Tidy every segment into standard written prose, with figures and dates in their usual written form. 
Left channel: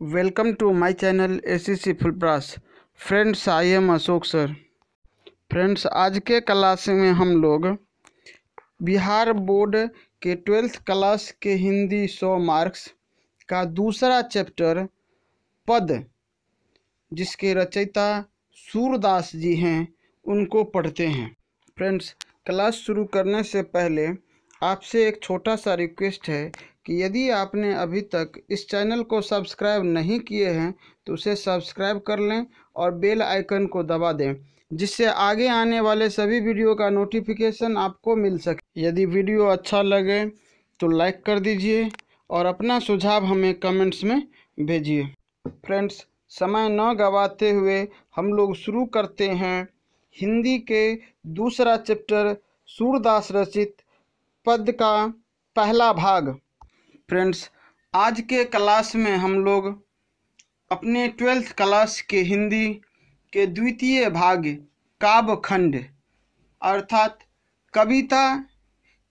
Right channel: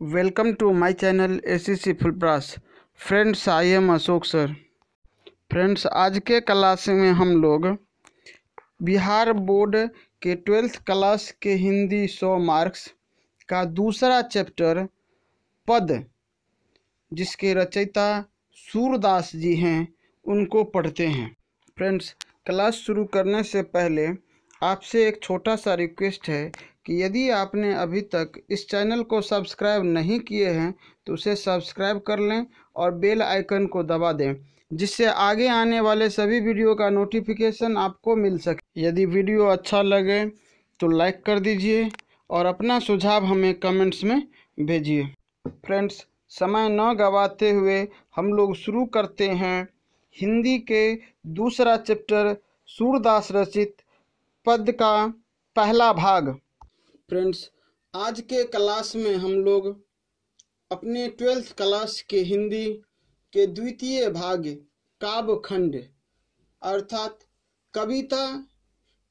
Welcome to my channel ACC फुलप्रास। Friends, I am Ashok sir. Friends, आज के class में हम लोग बिहार बोर्ड के 12th क्लास के हिंदी 100 मार्क्स का दूसरा चैप्टर पद, जिसके रचयिता सूरदास जी हैं, उनको पढ़ते हैं। फ्रेंड्स, क्लास शुरू करने से पहले आपसे एक छोटा सा रिक्वेस्ट है कि यदि आपने अभी तक इस चैनल को सब्सक्राइब नहीं किए हैं तो उसे सब्सक्राइब कर लें और बेल आइकन को दबा दें, जिससे आगे आने वाले सभी वीडियो का नोटिफिकेशन आपको मिल सके। यदि वीडियो अच्छा लगे तो लाइक कर दीजिए और अपना सुझाव हमें कमेंट्स में भेजिए। फ्रेंड्स, समय न गवाते हुए हम लोग शुरू करते हैं हिंदी के दूसरा चैप्टर सूरदास रचित पद का पहला भाग। फ्रेंड्स, आज के क्लास में हम लोग अपने 12th क्लास के हिंदी के द्वितीय भाग काव्य खंड अर्थात कविता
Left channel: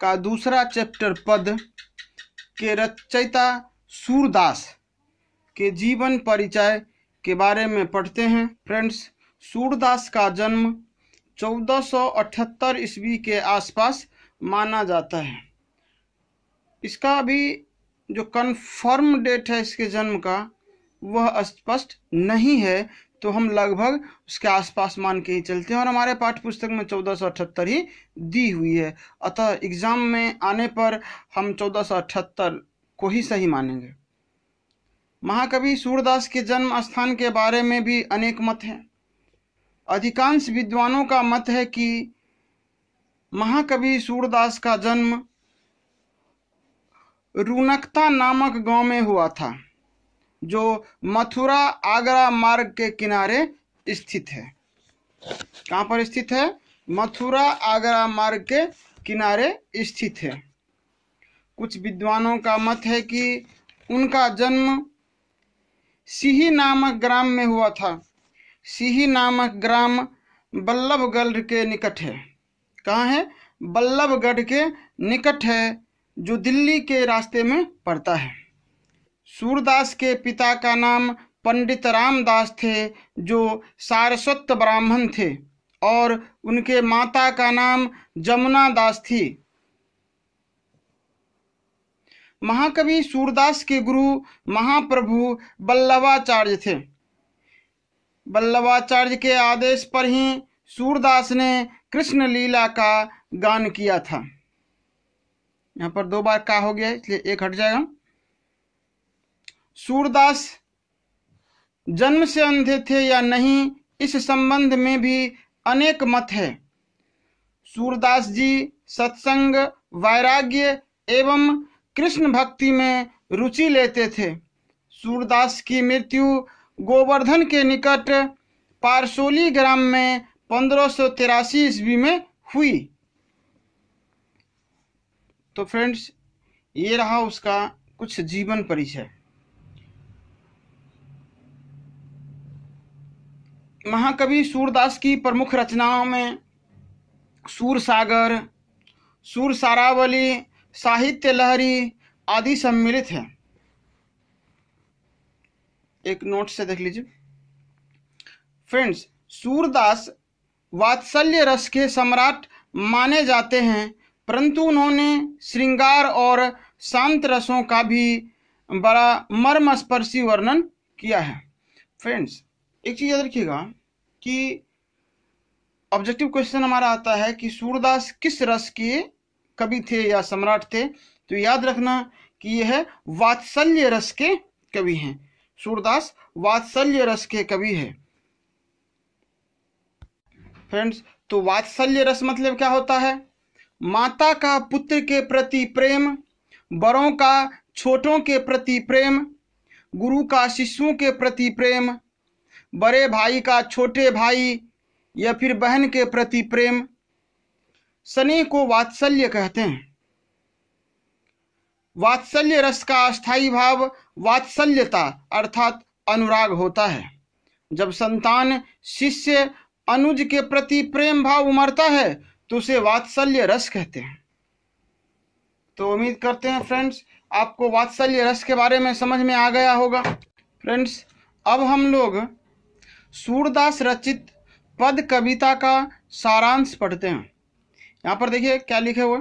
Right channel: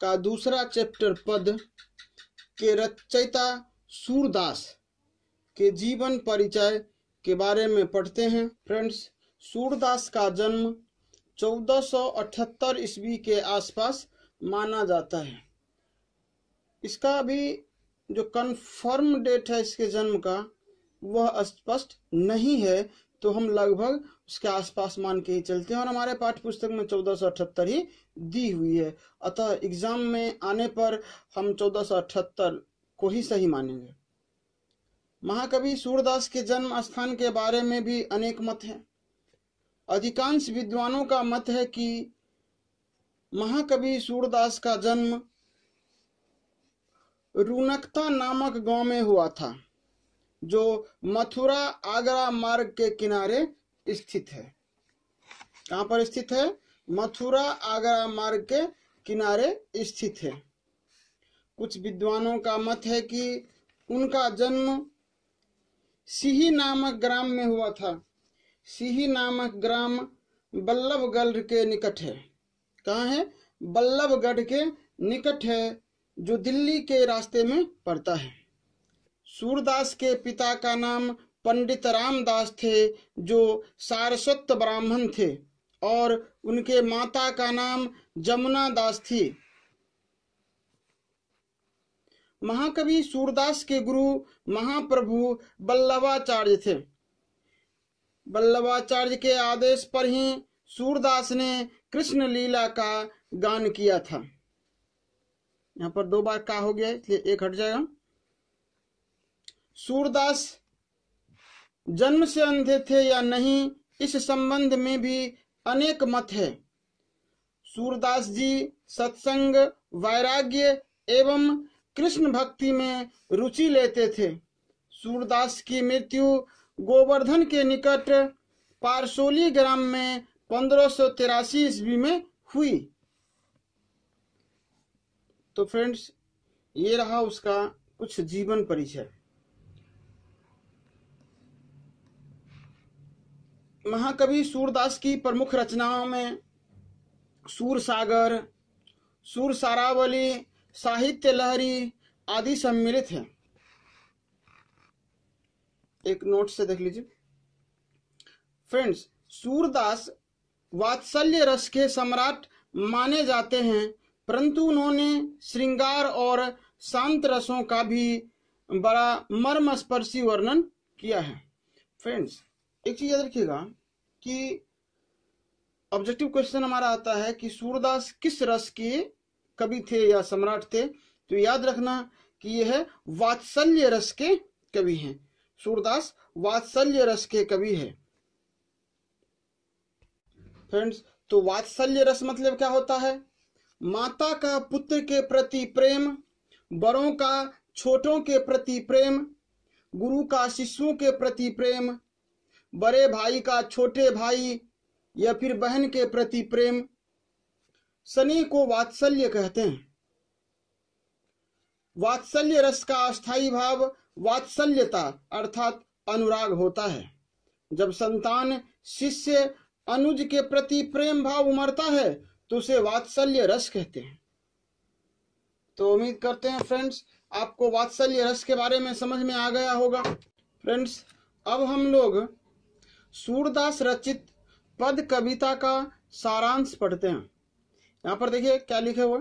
का दूसरा चैप्टर पद के रचयिता सूरदास के जीवन परिचय के बारे में पढ़ते हैं। फ्रेंड्स, सूरदास का जन्म 1478 ईस्वी के आसपास माना जाता है। इसका अभी जो कन्फर्म डेट है इसके जन्म का वह स्पष्ट नहीं है, तो हम लगभग उसके आसपास मान के ही चलते हैं और हमारे पाठ्य पुस्तक में 1478 ही दी हुई है। अतः एग्जाम में आने पर हम 1478 को ही सही मानेंगे। महाकवि सूरदास के जन्म स्थान के बारे में भी अनेक मत हैं। अधिकांश विद्वानों का मत है कि महाकवि सूरदास का जन्म रुनकता नामक गांव में हुआ था, जो मथुरा आगरा मार्ग के किनारे स्थित है। कहाँ पर स्थित है? मथुरा आगरा मार्ग के किनारे स्थित है। कुछ विद्वानों का मत है कि उनका जन्म सिही नामक ग्राम में हुआ था। सिही नामक ग्राम बल्लभगढ़ के निकट है। कहाँ है? बल्लभगढ़ के निकट है, जो दिल्ली के रास्ते में पड़ता है। सूरदास के पिता का नाम पंडित रामदास थे, जो सारस्वत ब्राह्मण थे, और उनके माता का नाम जमुना दास थी। महाकवि सूरदास के गुरु महाप्रभु बल्लभाचार्य थे। बल्लभाचार्य के आदेश पर ही सूरदास ने कृष्ण लीला का गान किया था। यहाँ पर 2 बार का हो गया है, इसलिए एक हट जाएगा। सूरदास जन्म से अंधे थे या नहीं, इस संबंध में भी अनेक मत है। सूरदास जी सत्संग, वैराग्य एवं कृष्ण भक्ति में रुचि लेते थे। सूरदास की मृत्यु गोवर्धन के निकट पारसोली ग्राम में 1583 ईस्वी में हुई। तो फ्रेंड्स, ये रहा उसका कुछ जीवन परिचय। महाकवि सूरदास की प्रमुख रचनाओं में सूरसागर, सूरसारावली, साहित्य लहरी आदि सम्मिलित हैं। एक नोट से देख लीजिए। फ्रेंड्स, सूरदास वात्सल्य रस के सम्राट माने जाते हैं, परंतु उन्होंने श्रृंगार और शांत रसों का भी बड़ा मर्मस्पर्शी वर्णन किया है। फ्रेंड्स, एक चीज याद रखिएगा कि ऑब्जेक्टिव क्वेश्चन हमारा आता है कि सूरदास किस रस के कवि थे या सम्राट थे, तो याद रखना कि यह वात्सल्य रस के कवि हैं। सूरदास वात्सल्य रस के कवि है। फ्रेंड्स, तो वात्सल्य रस मतलब क्या होता है? माता का पुत्र के प्रति प्रेम, बड़ों का छोटों के प्रति प्रेम, गुरु का शिष्यों के प्रति प्रेम, बड़े भाई का छोटे भाई या फिर बहन के प्रति प्रेम, स्नेह को वात्सल्य कहते हैं। वात्सल्य रस का अस्थायी भाव वात्सल्यता अर्थात अनुराग होता है। जब संतान शिष्य अनुज के प्रति प्रेम भाव उमड़ता है तो उसे वात्सल्य रस कहते हैं। तो उम्मीद करते हैं फ्रेंड्स आपको वात्सल्य रस के बारे में समझ में आ गया होगा। फ्रेंड्स, अब हम लोग सूरदास रचित पद कविता का सारांश पढ़ते हैं। यहाँ पर देखिए क्या लिखे हुए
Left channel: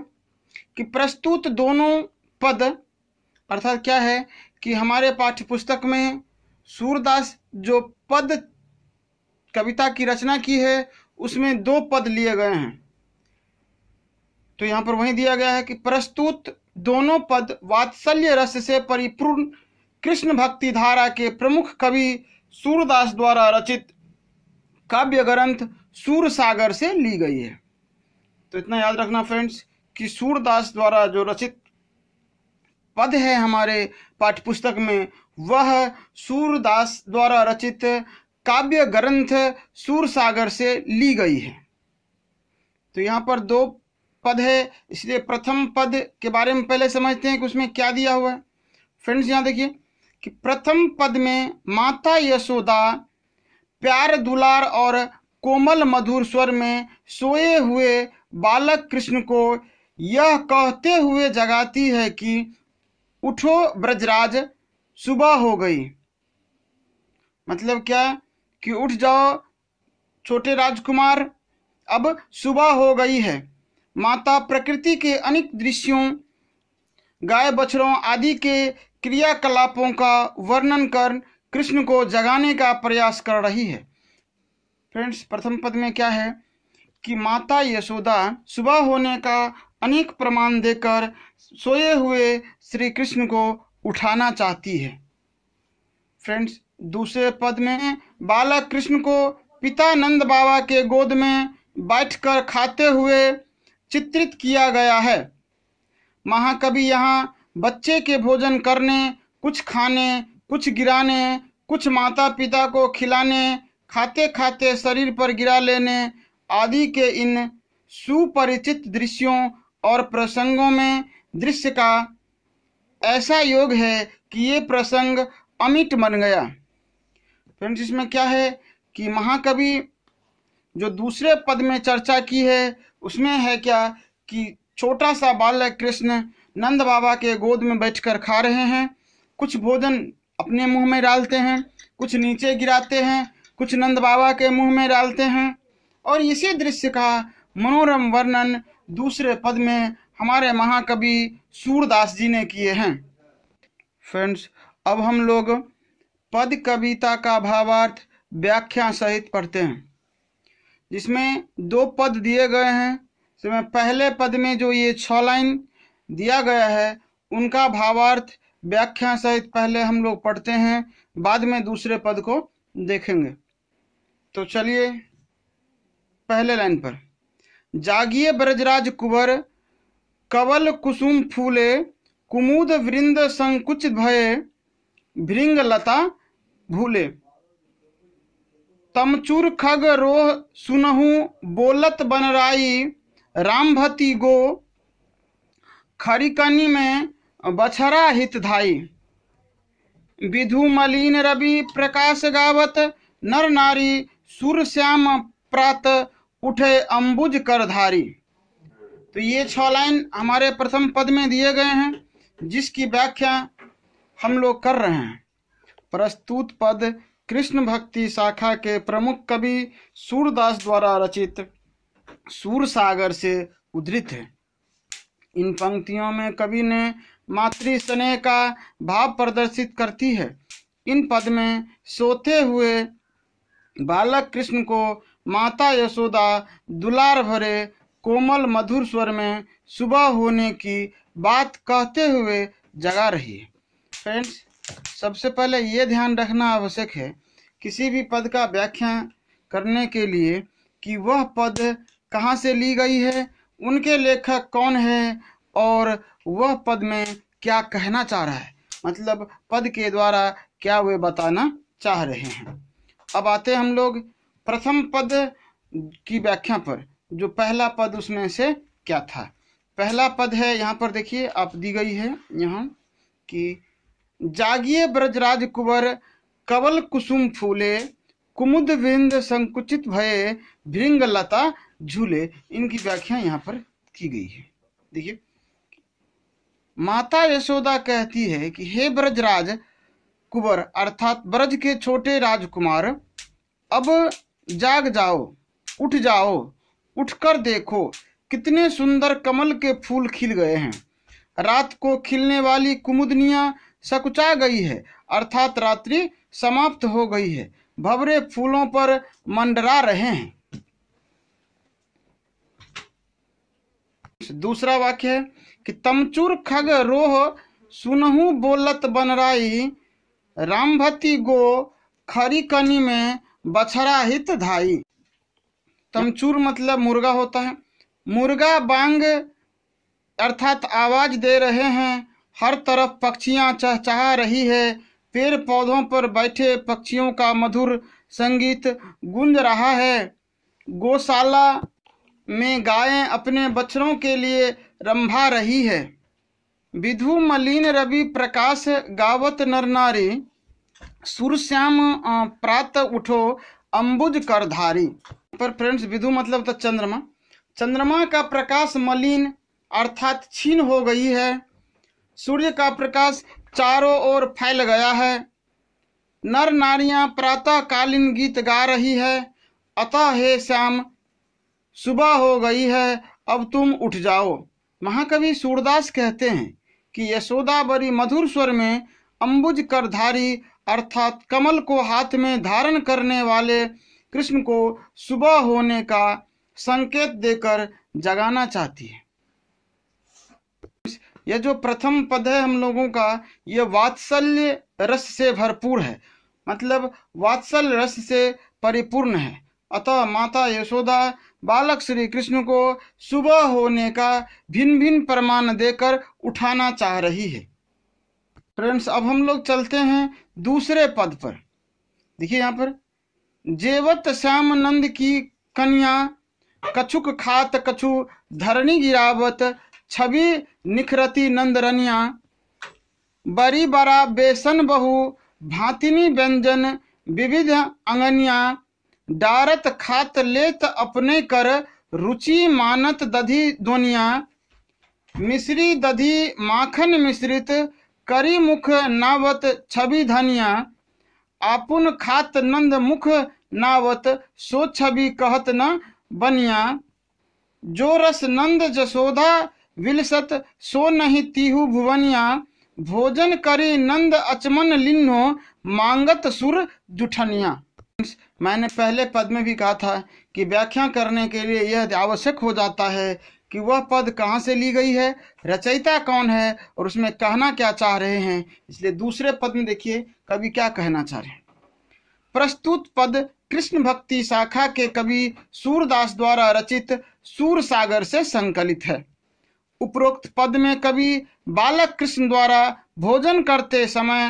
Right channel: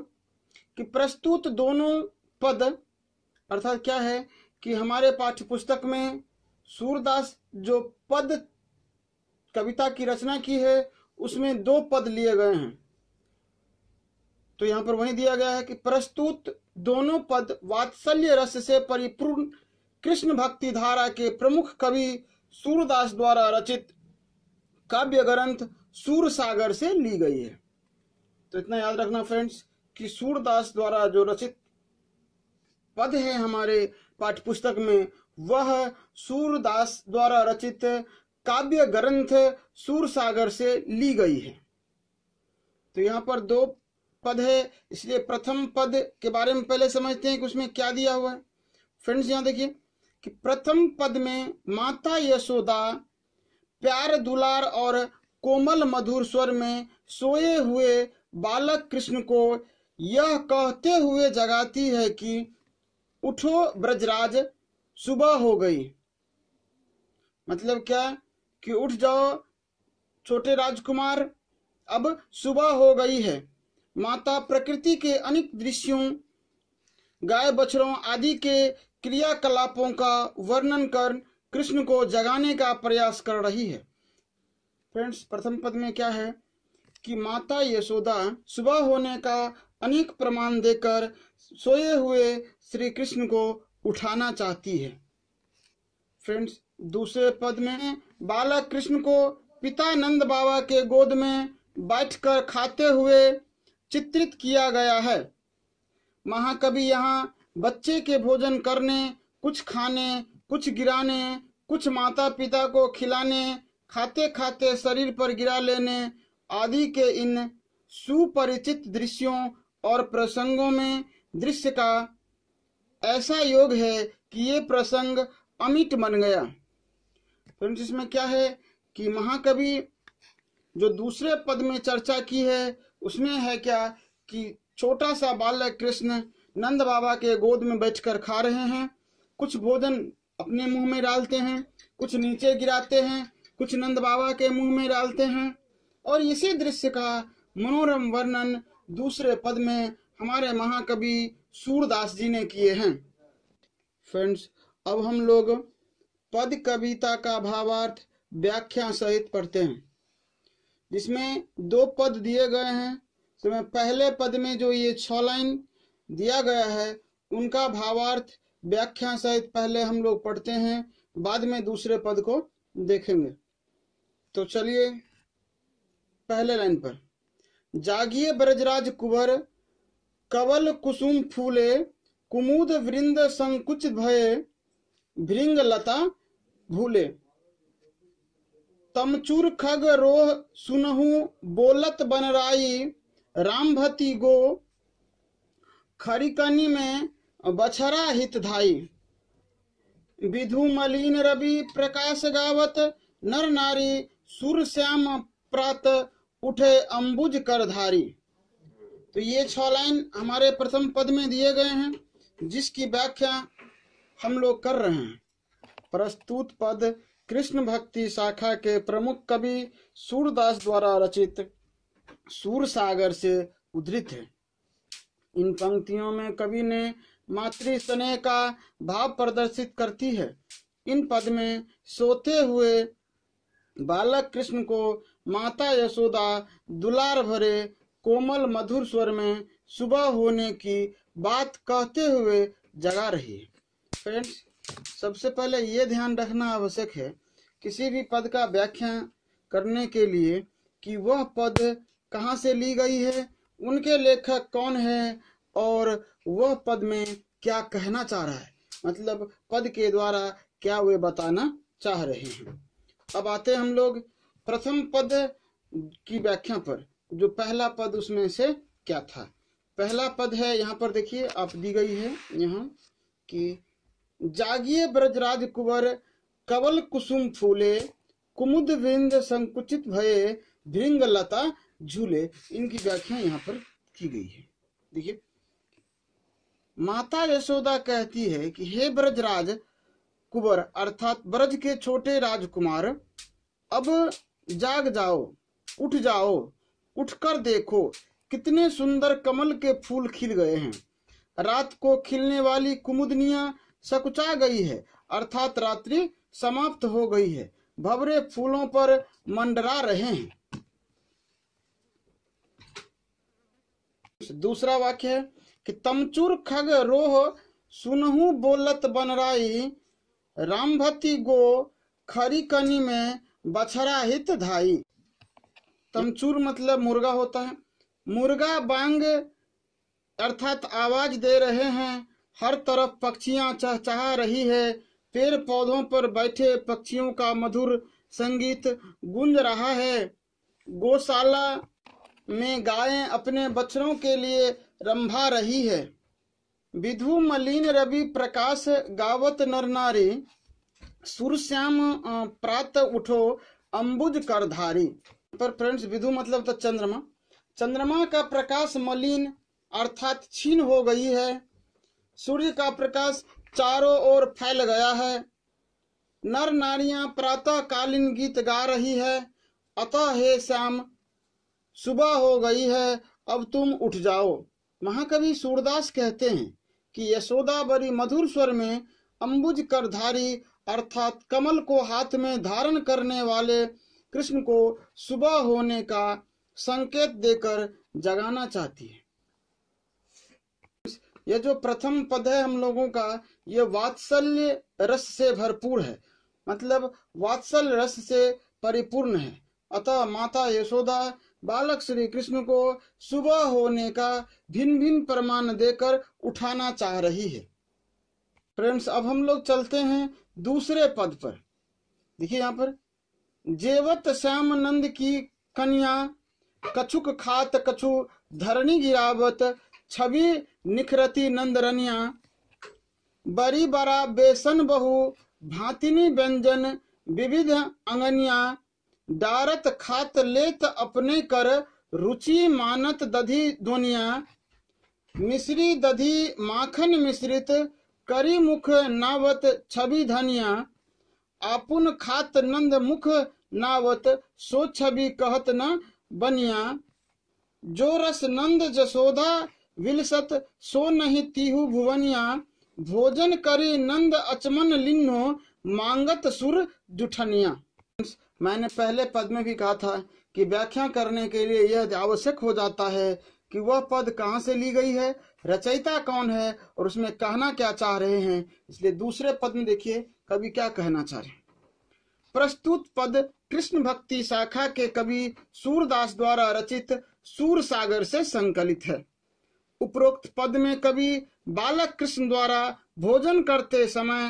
कि प्रस्तुत दोनों पद, अर्थात क्या है कि हमारे पाठ्य पुस्तक में सूरदास जो पद कविता की रचना की है उसमें 2 पद लिए गए हैं। तो यहाँ पर वही दिया गया है कि प्रस्तुत दोनों पद वात्सल्य रस से परिपूर्ण कृष्ण भक्ति धारा के प्रमुख कवि सूरदास द्वारा रचित काव्य ग्रंथ सूरसागर से ली गई है। तो इतना याद रखना फ्रेंड्स कि सूरदास द्वारा जो रचित पद है हमारे पाठ्य पुस्तक में, वह सूरदास द्वारा रचित काव्य ग्रंथ सूरसागर से ली गई है। तो यहाँ पर 2 पद है, इसलिए प्रथम पद के बारे में पहले समझते हैं कि उसमें क्या दिया हुआ है। फ्रेंड्स, यहाँ देखिए कि प्रथम पद में माता यशोदा प्यार दुलार और कोमल मधुर स्वर में सोए हुए बालक कृष्ण को यह कहते हुए जगाती है कि उठो ब्रजराज, सुबह हो गई। मतलब क्या कि उठ जाओ छोटे राजकुमार, अब सुबह हो गई है। माता प्रकृति के अनेक दृश्यों, गाय बछड़ों आदि के क्रियाकलापों का वर्णन कर कृष्ण को जगाने का प्रयास कर रही है। फ्रेंड्स, प्रथम पद में क्या है कि माता यशोदा सुबह होने का अनेक प्रमाण देकर सोए हुए श्री कृष्ण को उठाना चाहती है। फ्रेंड्स, दूसरे पद में बालक कृष्ण को पिता नंद बाबा के गोद में बैठकर खाते हुए चित्रित किया गया है। महाकवि यहाँ बच्चे के भोजन करने, कुछ खाने, कुछ गिराने, कुछ माता पिता को खिलाने, खाते खाते शरीर पर गिरा लेने आदि के इन सुपरिचित दृश्यों और प्रसंगों में दृश्य का ऐसा योग है कि ये प्रसंग अमिट बन गया। फ्रेंड्स, इसमें क्या है कि महाकवि जो दूसरे पद में चर्चा की है उसमें है क्या कि छोटा सा बालक कृष्ण नंद बाबा के गोद में बैठकर खा रहे हैं, कुछ भोजन अपने मुंह में डालते हैं, कुछ नीचे गिराते हैं, कुछ नंद बाबा के मुंह में डालते हैं, और इसी दृश्य का मनोरम वर्णन दूसरे पद में हमारे महाकवि सूरदास जी ने किए हैं। फ्रेंड्स, अब हम लोग पद कविता का भावार्थ व्याख्या सहित पढ़ते हैं, जिसमें 2 पद दिए गए हैं। इसमें पहले पद में जो ये 6 लाइन दिया गया है उनका भावार्थ व्याख्या सहित पहले हम लोग पढ़ते हैं, बाद में दूसरे पद को देखेंगे। तो चलिए पहले लाइन पर, जागिए ब्रजराज कुंवर, कवल कुसुम फूले, कुमुद वृंद संकुचित भये, भृंग लता भूले। तमचूर खग रोह सुनहु, बोलत बनराई, रामभती गो, खरिकनी में बछरा हित धाई। विधु मलिन रवि प्रकाश गावत, नर नारी सुर श्याम प्रात, उठे अंबुज करधारी। तो ये 6 लाइन हमारे प्रथम पद में दिए गए हैं, जिसकी व्याख्या हम लोग कर रहे हैं। प्रस्तुत पद कृष्ण भक्ति शाखा के प्रमुख कवि सूरदास द्वारा रचित सूरसागर से उद्धृत है। इन पंक्तियों में कवि ने मातृ स्नेह का भाव प्रदर्शित करती है। इन पद में सोते हुए बालक कृष्ण को माता यशोदा दुलार भरे कोमल मधुर स्वर में सुबह होने की बात कहते हुए जगा रही है। फ्रेंड्स, सबसे पहले ये ध्यान रखना आवश्यक है किसी भी पद का व्याख्या करने के लिए कि वह पद कहाँ से ली गई है, उनके लेखक कौन है और वह पद में क्या कहना चाह रहा है, मतलब पद के द्वारा क्या वे बताना चाह रहे हैं। अब आते हम लोग प्रथम पद की व्याख्या पर। जो पहला पद उसमें से क्या था। पहला पद है, यहाँ पर देखिए आप दी गई है यहाँ कि जागिए ब्रजराज कुंवर, कवल कुसुम फूले, कुमुद विंद संकुचित भये, भृंग लता झूले। इनकी व्याख्या यहाँ पर की गई है। देखिए, माता यशोदा कहती है कि हे ब्रजराज, कुंवर अर्थात ब्रज के छोटे राजकुमार, अब जाग जाओ, उठ जाओ, उठकर देखो कितने सुंदर कमल के फूल खिल गए हैं। रात को खिलने वाली कुमुदनियां सकुचा गई है अर्थात रात्रि समाप्त हो गई है, भंवरे फूलों पर मंडरा रहे हैं। दूसरा वाक्य है कि तमचूर खग रोह सुनहु बोलत बनराई, रामभती गो खरी कनी में बछड़ा हित धाई। तमचूर मतलब मुर्गा होता है। मुर्गा बांग अर्थात आवाज दे रहे हैं, हर तरफ पक्षियां चहचहा रही है, पेड़ पौधों पर बैठे पक्षियों का मधुर संगीत गूंज रहा है। गौशाला में गायें अपने बछड़ों के लिए रंभा रही है। विधु मलिन रवि प्रकाश गावत नर नारी, सुरश्याम प्रात उठो अंबुज करधारी। पर फ्रेंड्स विधु मतलब तो चंद्रमा। चंद्रमा का प्रकाश मलिन अर्थात क्षीण हो गई है। सूर्य का प्रकाश चारों ओर फैल गया है। नर नारियां प्रातः कालीन गीत गा रही है। अतः हे श्याम सुबह हो गई है, अब तुम उठ जाओ। महाकवि सूरदास कहते हैं कि यशोदा बड़ी मधुर स्वर में अंबुज करधारी अर्थात कमल को हाथ में धारण करने वाले कृष्ण को सुबह होने का संकेत देकर जगाना चाहती है। यह जो प्रथम पद है हम लोगों का, यह वात्सल्य रस से भरपूर है, मतलब वात्सल्य रस से परिपूर्ण है। अतः माता यशोदा बालक श्री कृष्ण को सुबह होने का भिन्न भिन्न प्रमाण देकर उठाना चाह रही है। फ्रेंड्स अब हम लोग चलते हैं दूसरे पद पर। देखिए यहाँ पर, जेवत श्याम नंद की कन्या, कछुक खात कछु धरणी गिरावत, छवि निखरती नंदरनिया, बरी बरा बेसन बहु भातिनी व्यंजन विविध अंगनिया, डारत खात लेत अपने कर रुचि मानत दधी दोनिया, मिश्री दधी माखन मिश्रित करी मुख नावत छवि धनिया, आपुन खात नंद मुख नावत सो छवि कहत न बनिया, जो रस नंद जसोदा विलसत सो नहीं तीहु भुवनिया, भोजन करी नंद अचमन लिन्नो मांगत सुर जुठनिया। मैंने पहले पद में भी कहा था कि व्याख्या करने के लिए यह आवश्यक हो जाता है कि वह पद कहाँ से ली गई है, रचयिता कौन है और उसमें कहना क्या चाह रहे हैं। इसलिए दूसरे पद में देखिए कवि क्या कहना चाह रहे हैं। प्रस्तुत पद कृष्ण भक्ति शाखा के कवि सूरदास द्वारा रचित सूर सागर से संकलित है। उपरोक्त पद में कवि बालक कृष्ण द्वारा भोजन करते समय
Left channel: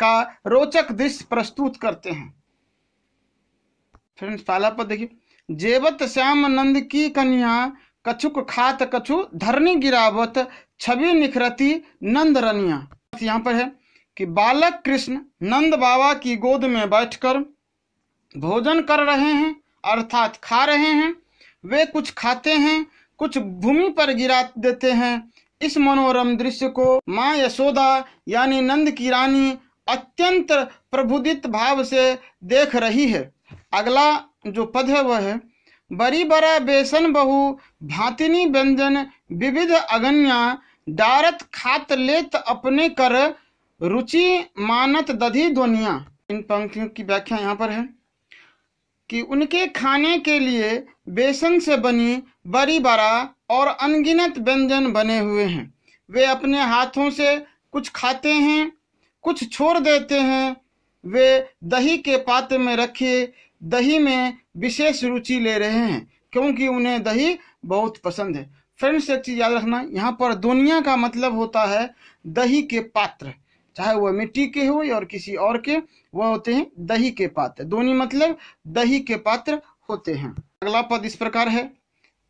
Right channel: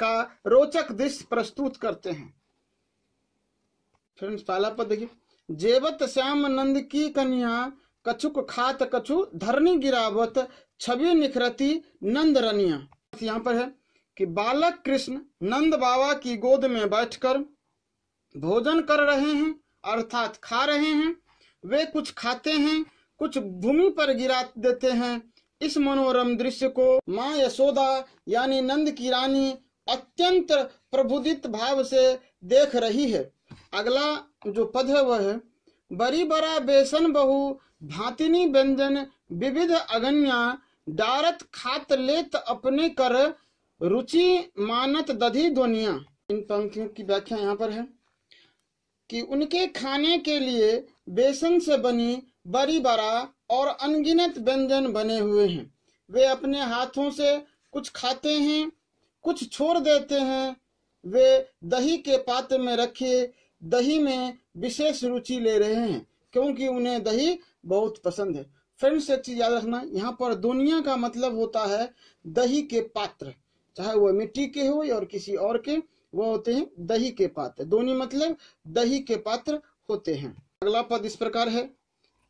का रोचक दृश्य प्रस्तुत करते हैं। फ्रेंड्स पहला पद देखिए, जेवत श्याम नंद की कन्या, कछुक खात कछु धरनी गिरावत, छवि निखरती नंद रनिया। यहाँ पर है कि बालक कृष्ण नंद बाबा की गोद में बैठकर भोजन कर रहे हैं अर्थात खा रहे हैं। वे कुछ खाते हैं, कुछ भूमि पर गिरा देते हैं। इस मनोरम दृश्य को माँ यशोदा यानी नंद की रानी अत्यंत प्रबुदित भाव से देख रही है। अगला जो पद है वह है, बरी बरा बेसन बहु भातिनी व्यंजन विविध अगन्या, डारत खात लेत अपने कर रुचि मानत दधी दोनिया। इन पंक्तियों की व्याख्या यहाँ पर है कि उनके खाने के लिए बेसन से बनी बरी बरा और अनगिनत व्यंजन बने हुए हैं। वे अपने हाथों से कुछ खाते हैं, कुछ छोड़ देते हैं। वे दही के पात्र में रखे दही में विशेष रुचि ले रहे हैं क्योंकि उन्हें दही बहुत पसंद है। फ्रेंड्स एक चीज याद रखना, यहाँ पर दुनिया का मतलब होता है दही के पात्र, चाहे वह मिट्टी के हो और किसी और के, वह होते हैं दही के पात्र। दोनी मतलब दही के पात्र होते हैं। अगला पद इस प्रकार है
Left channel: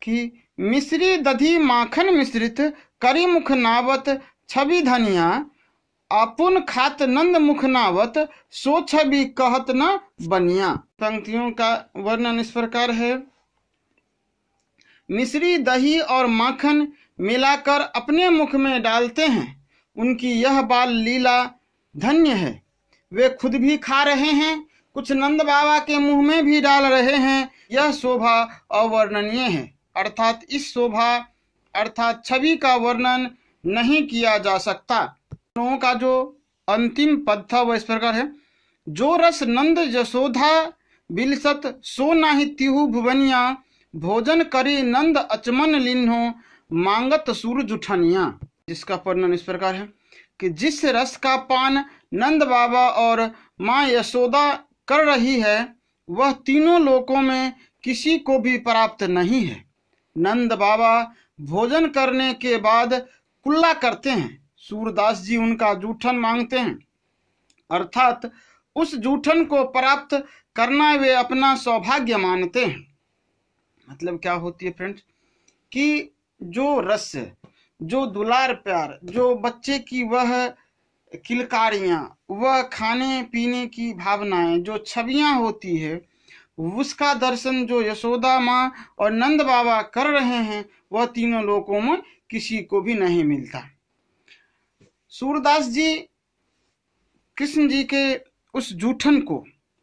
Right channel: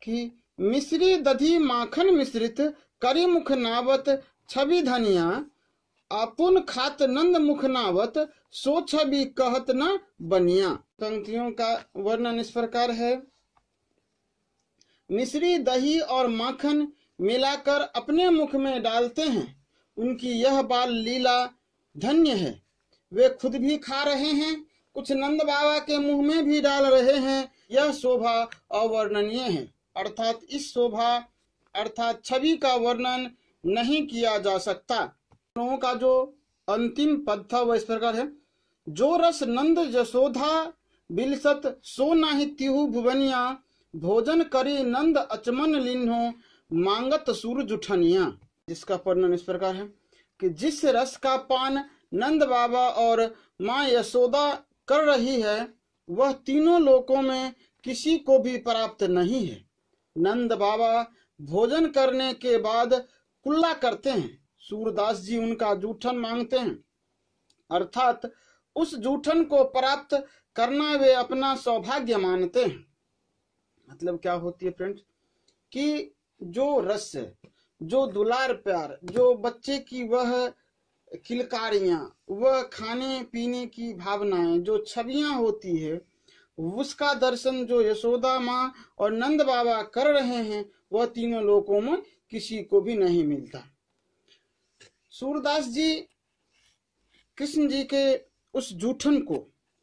कि मिश्री दधी माखन मिश्रित, करी मुख नावत छवि धनिया, आपुन खात नंद मुख नावत, सो छवि कहत न बनिया। पंक्तियों का वर्णन इस प्रकार है, मिश्री दही और माखन मिलाकर अपने मुख में डालते हैं। उनकी यह बाल लीला धन्य है। वे खुद भी खा रहे हैं, कुछ नंद बाबा के मुंह में भी डाल रहे हैं। यह शोभा अवर्णनीय है। अर्थात इस शोभा अर्थात छवि का वर्णन नहीं किया जा सकता। लोगों का जो अंतिम पद था वह इस प्रकार है, जो रस नंद यशोधा बिलसत सो नाही तिहु भुवनिया, भोजन करी नंद अचमन लिन्हो मांगत सूर जुठनिया। जिसका वर्णन इस प्रकार है कि जिस रस का पान नंद बाबा और माँ यशोदा कर रही है वह तीनों लोकों में किसी को भी प्राप्त नहीं है। नंद बाबा भोजन करने के बाद कुल्ला करते हैं, सूरदास जी उनका जूठन मांगते हैं, अर्थात उस जूठन को प्राप्त करना वे अपना सौभाग्य मानते हैं। मतलब क्या होती है फ्रेंड्स कि जो रस, जो दुलार प्यार, जो बच्चे की वह किलकारियां, वह खाने पीने की भावनाएं, जो छवियां होती है, उसका दर्शन जो यशोदा माँ और नंद बाबा कर रहे हैं वह तीनों लोकों में किसी को भी नहीं मिलता। सूरदास जी कृष्ण जी के उस जूठन को,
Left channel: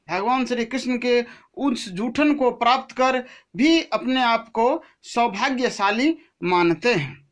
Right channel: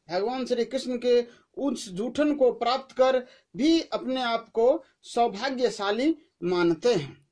भगवान श्री कृष्ण के उस जूठन को प्राप्त कर भी अपने आप को सौभाग्यशाली मानते हैं।